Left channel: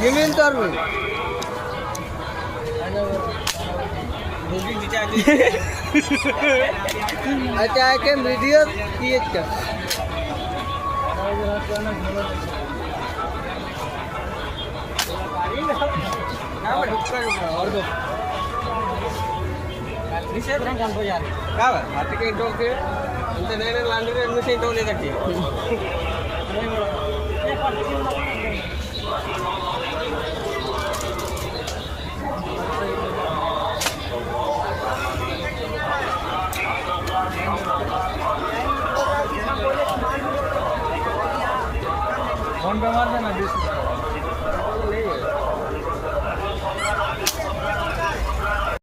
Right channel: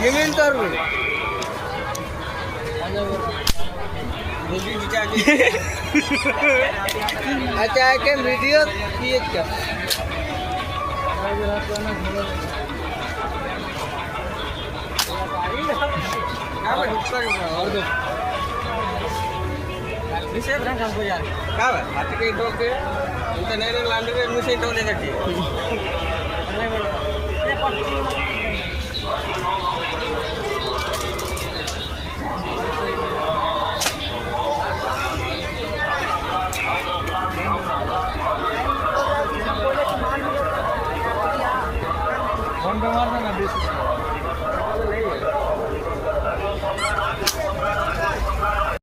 जमीन तर अच्छा के वीडियो किए क्या और दो निशे ब्रांड हमको यार का बात के इंटो के इंटरनेट लाने के मुझे इंटो ले सकती कौन बीमार है ना